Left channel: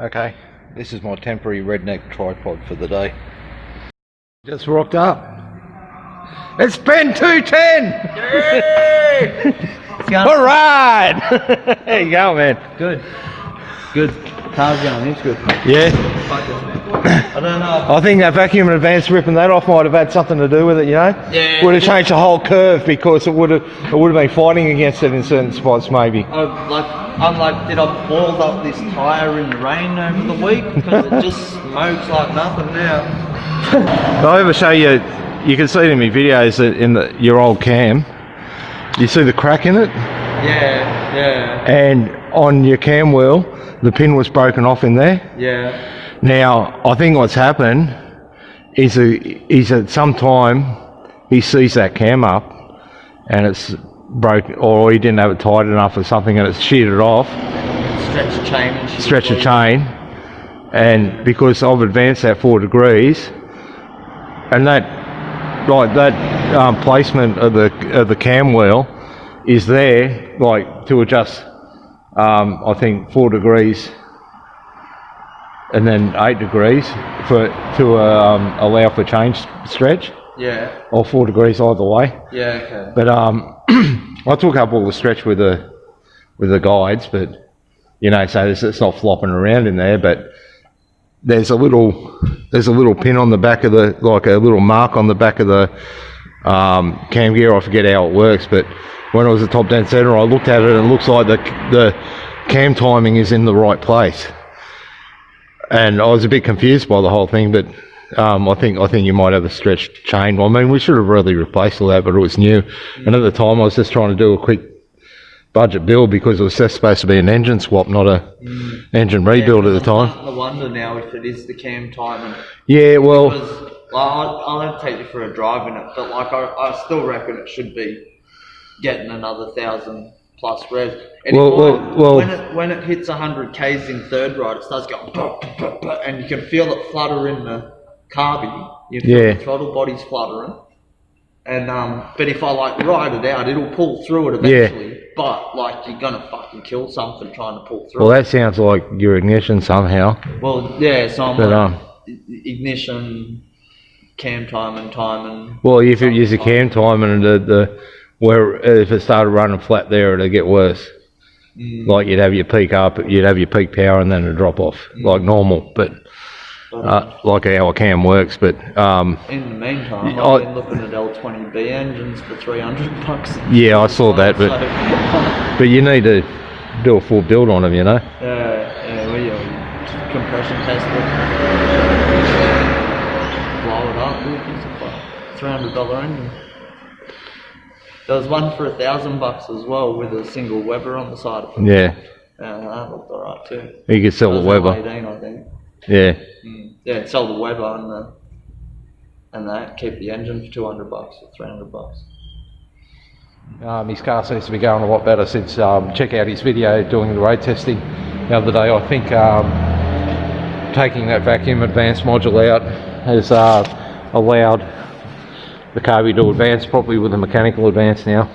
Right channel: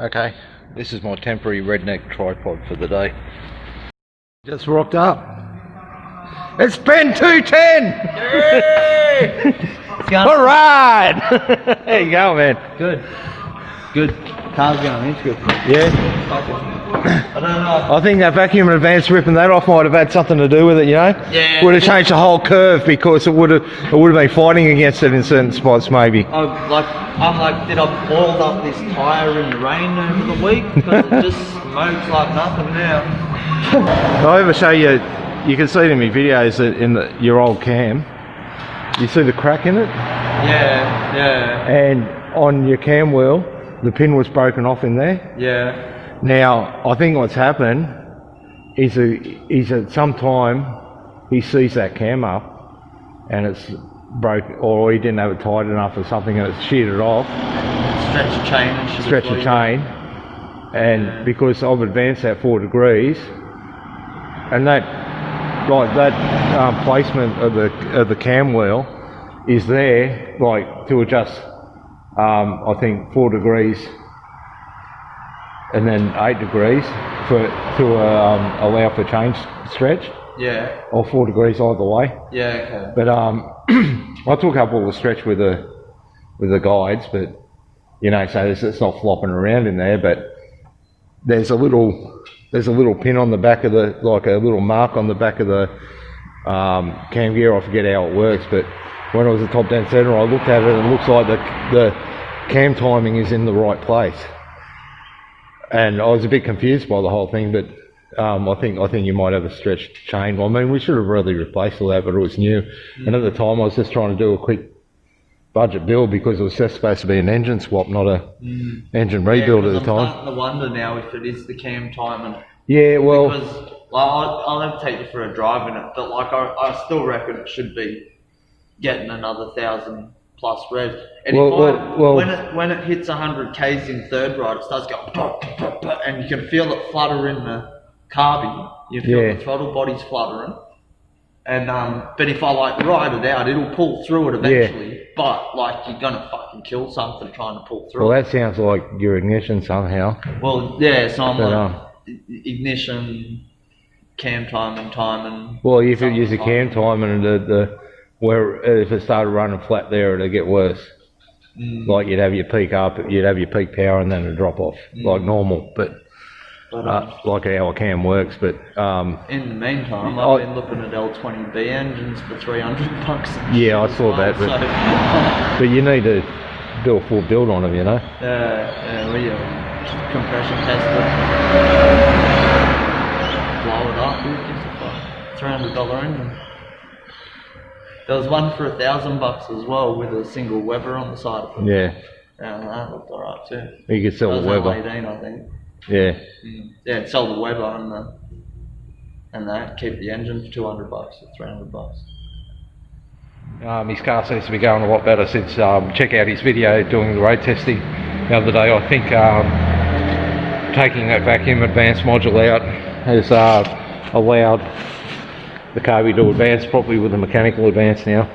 Okay, this is my temporary redneck tripod for the day. Just rocked up. It's Ben 210! Alright! There you go, man. Good. Good. Car's going, it's good. Yeah. I don't know. I think that vacuum in advance ripping that off might have had something to do with it, you know? Yeah. Would have changed the whole curve because it would have been fighting against it in certain spots maybe. I'm like, did I boil up this tyre in the rain over the week? Because it just smokes like nothing now. I'll ever show you, you can see it in my videos that in your old cam, you see the crack in it? Yeah, yeah. And on your cam wheel, the pin was broken off in there. Yeah. Now, I think what's happened is at some time he sees that cam up and it's broke, or he didn't have it tight enough or something and it's sheared off. Stretch the chain. And because I've advanced that 4 degrees, and that, like that placement of the cam wheel is there, like to adjust, I think 4 degrees and then 8 degrees to allow for change stretch. Yeah. Or 4 degrees either way. Yeah. Okay. But I took up all the stretch with the guides, but you know, so it's not flopping around in there. But there's a little pin on the back of the, like a little mark on the back of the cam gear. I forget how it works, but when I was at top down center, I looked at it and it looks like the cam timing is in the right place. And I was a bit confused by the whole thing, but I think you might have a stretched chain. I mean, we should have really replaced all that, but it was new. And at the time, I was just trying to do a quick budget build because it was just supposed to be an engine swap, not a engine rebuild at the time. I'm starting to wonder now if it is the cam timing. Yeah, well, because, I'll have to take you for a drive in it, but like I still reckon it should be getting another 1,000 plus revs. And when it hits 100 k's in third ride, it starts going pop, pop, pop, and you can feel it flutter in the carby. You feel the throttle body's fluttering. And but if I like ride it out, it'll pull through it eventually. Yeah. But like you're gonna fucking kill something trying to pull through. Well, that sounds like your ignition somehow. Well, yeah, so I'm like ignition, cam timing. Well, if you use a cam timing and where if it started running flat there, it'd get worse. Like you'd have your peak up, you'd have your peak power, and then it'd drop off like normal. But like how a cam works. But in the meantime, I've been looking at L18 B engines for $300. Yeah, I saw that, but but you need to do a full build on them, you know. We compression test it, blow it up. It's $300 engine. There was one for $1,000 as well with a single Weber on the side of it. Yeah. Yeah, that looked alright too. You could sell the Weber. L18, I think. Yeah. Yeah, sell the Weber and that, keep the engine for $200 or $300. His car seems to be going a lot better since check out his video doing the road testing the other day. I think taking that vacuum advance module out has allowed the carby to advance properly with the mechanical advance now.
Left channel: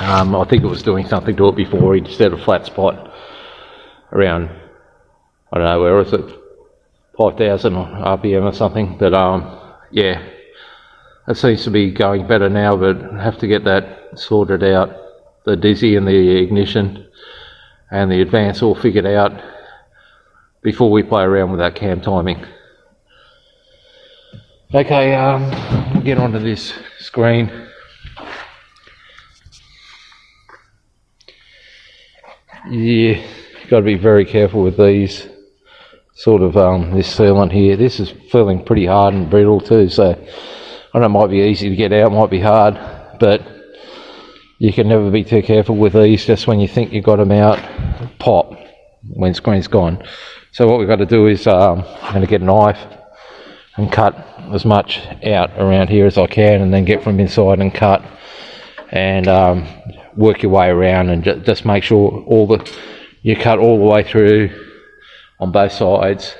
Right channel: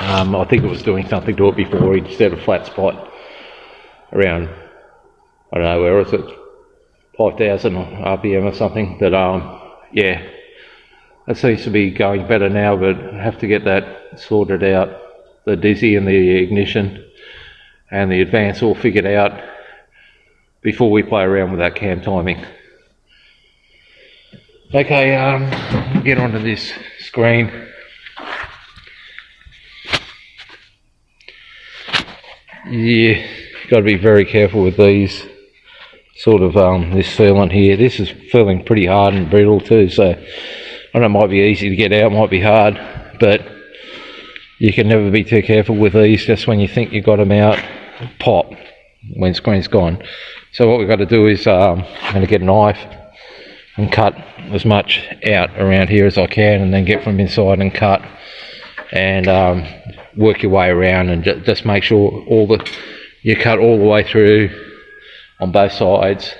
I think it was doing something to it before. He'd set a flat spot around, I don't know, where is it, 5,000 RPM or something. But yeah, it seems to be going better now, but I have to get that sorted out, the dizzy and the ignition and the advance all figured out before we play around with that cam timing. Okay, we'll get onto this screen. Yeah, got to be very careful with these sort of this sealant here. This is feeling pretty hard and brittle too, so I don't know, it might be easy to get out, might be hard, but you can never be too careful with these. Just when you think you've got them out, pop, windscreen's gone. So what we've got to do is I'm going to get a knife and cut as much out around here as I can, and then get from inside and cut, and work your way around, and just make sure you cut all the way through on both sides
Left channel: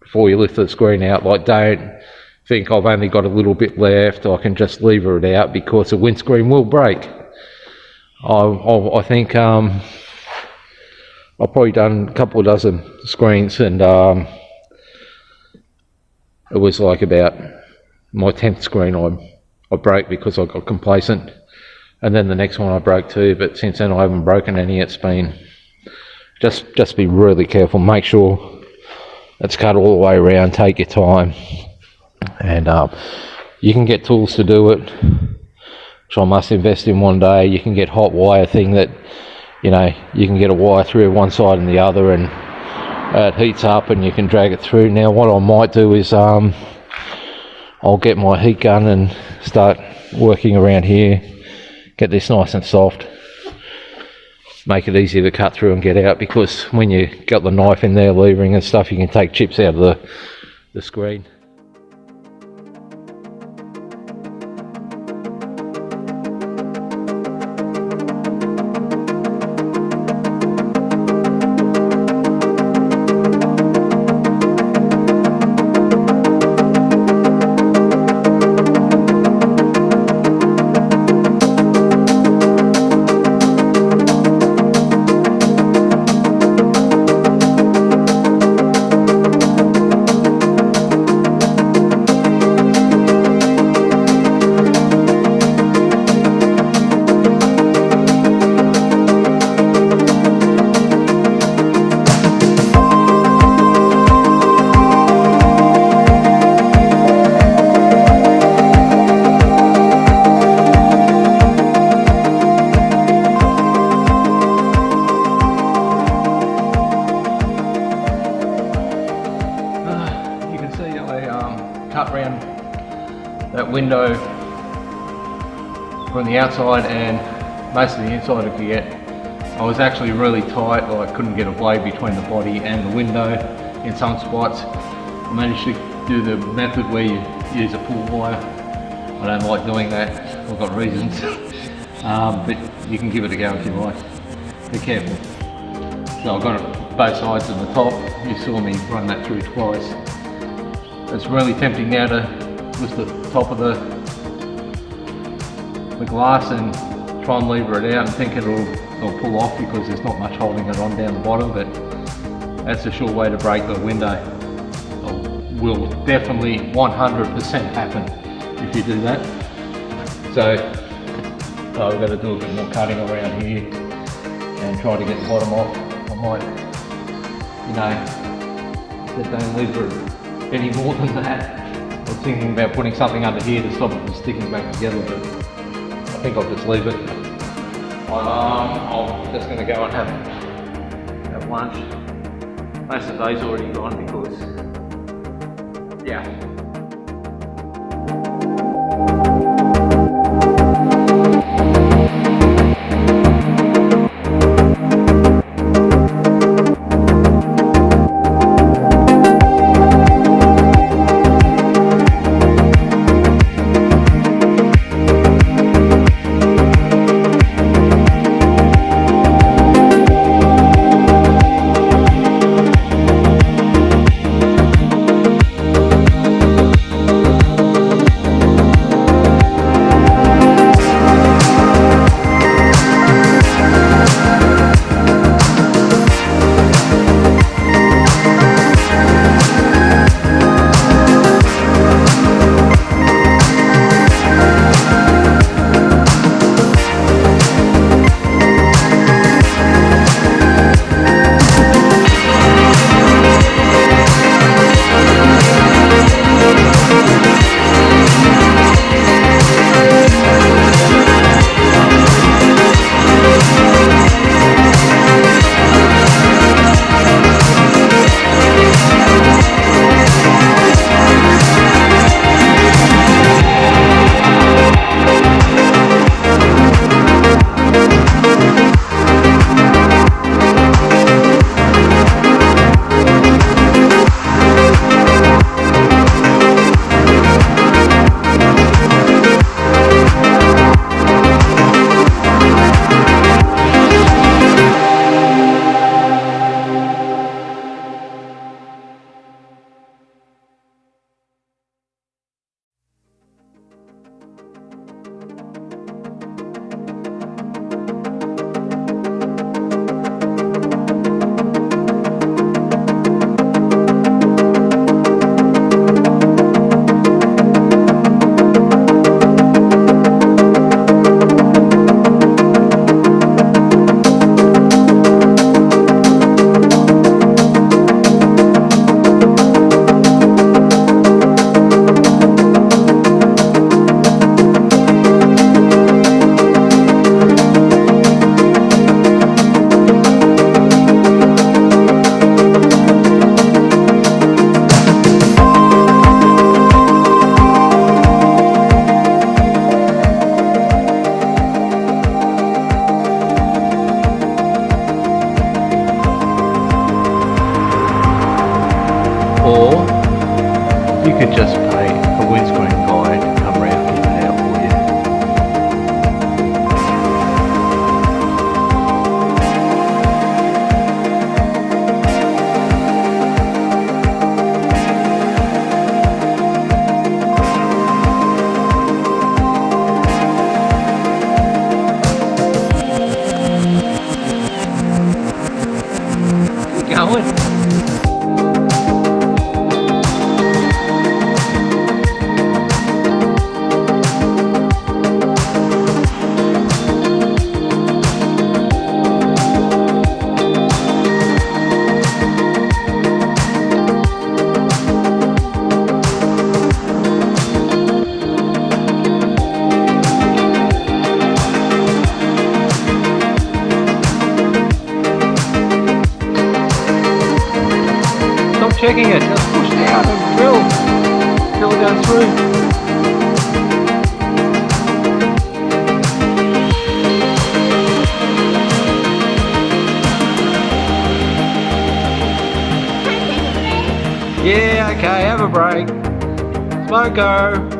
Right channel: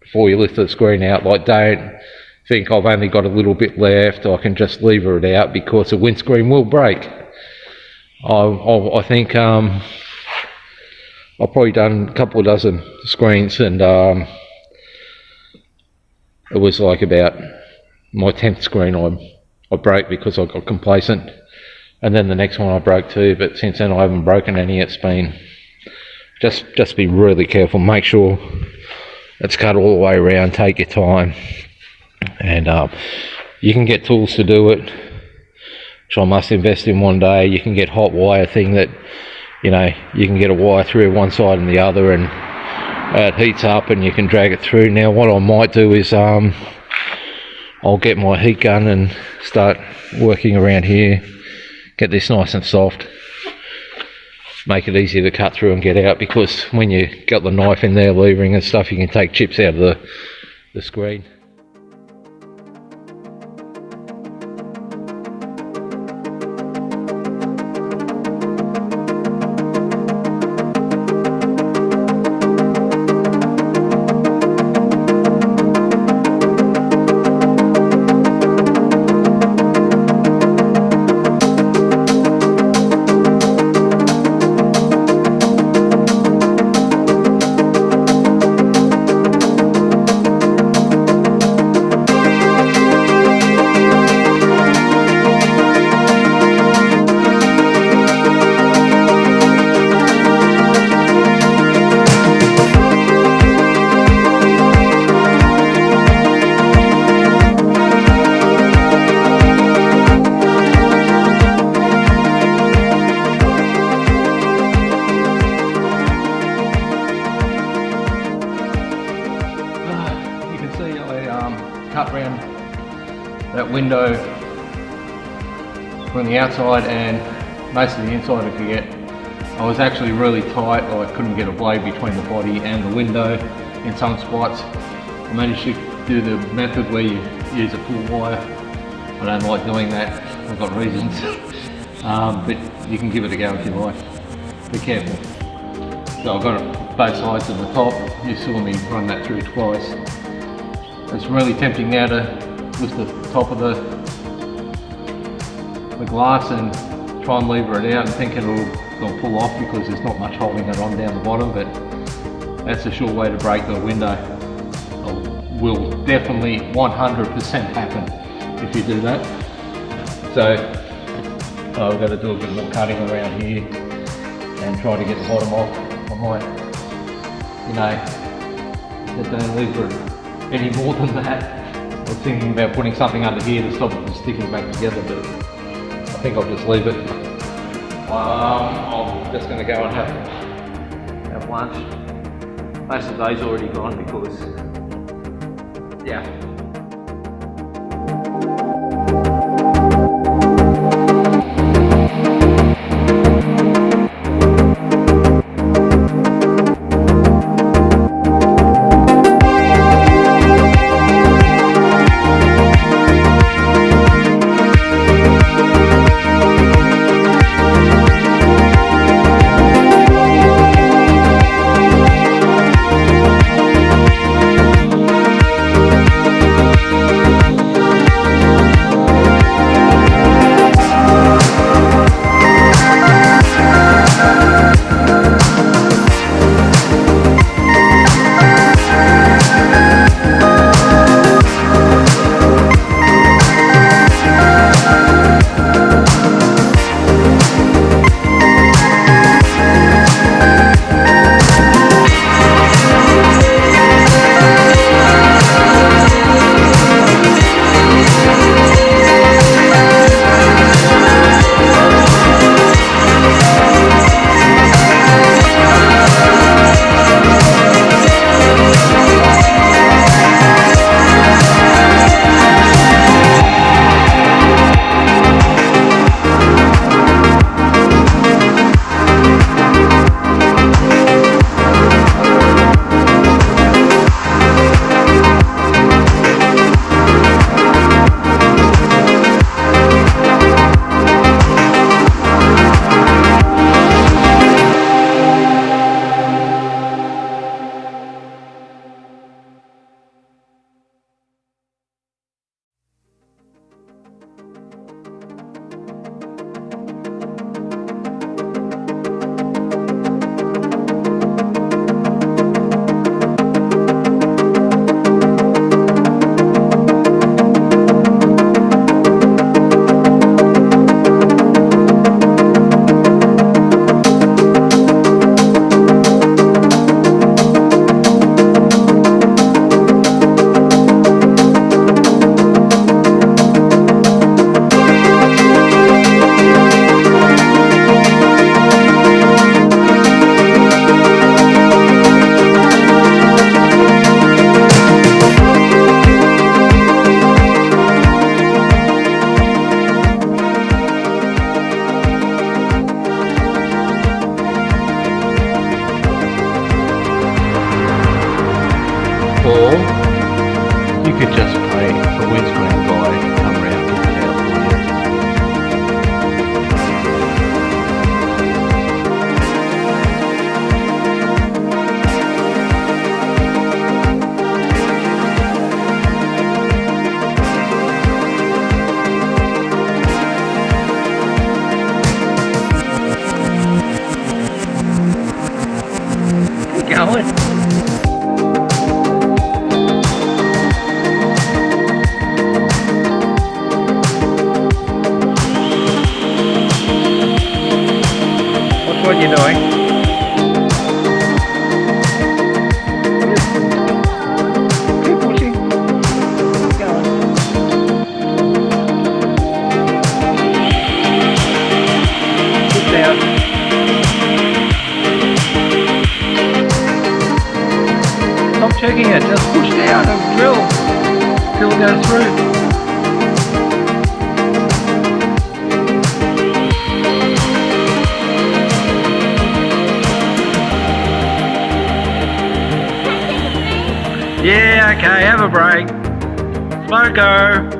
before you lift the screen out. Like, don't think I've only got a little bit left, I can just lever it out, because the windscreen will break. I think I've probably done a couple of dozen screens, and it was like about my 10th screen I broke because I got complacent, and then the next one I broke too, but since then I haven't broken any. It's been just be really careful, make sure it's cut all the way around, take your time, and you can get tools to do it, which I must invest in one day. You can get hot wire thing that, you know, you can get a wire through one side and the other, and it heats up and you can drag it through. Now what I might do is I'll get my heat gun and start working around here, get this nice and soft, make it easy to cut through and get out, because when you got the knife in there, levering and stuff, you can take chips out of the screen. Cut around that window from the outside and most of the inside I could get. I was actually really tight, or I couldn't get a blade between the body and the window in some spots. I managed to do the method where you use a full wire. I don't like doing that, I've got reasons. But you can give it a go if you like. Be careful. So I've got it both sides of the top. You saw me run that through twice. It's really tempting now to lift the top of the glass and try and lever it out and think it'll pull off, because there's not much holding it on down the bottom, but that's a sure way to break the window. It will definitely 100% happen if you do that. So I've got to do a bit more cutting around here and try to get the bottom off. I might, you know, get down lever it any more than that. I was thinking about putting something under here to stop it from sticking back together, but I think I'll just leave it. I'm just going to go and have lunch. Most of the day's already gone because, yeah. or you could just pay a windscreen guy to come around and get it out for you. Going. What's what you're doing? Keep pushing. Keep going. Sit down. Stop checking it, just push down and drill till it goes through. Yeah, okay, have a break. Smoko.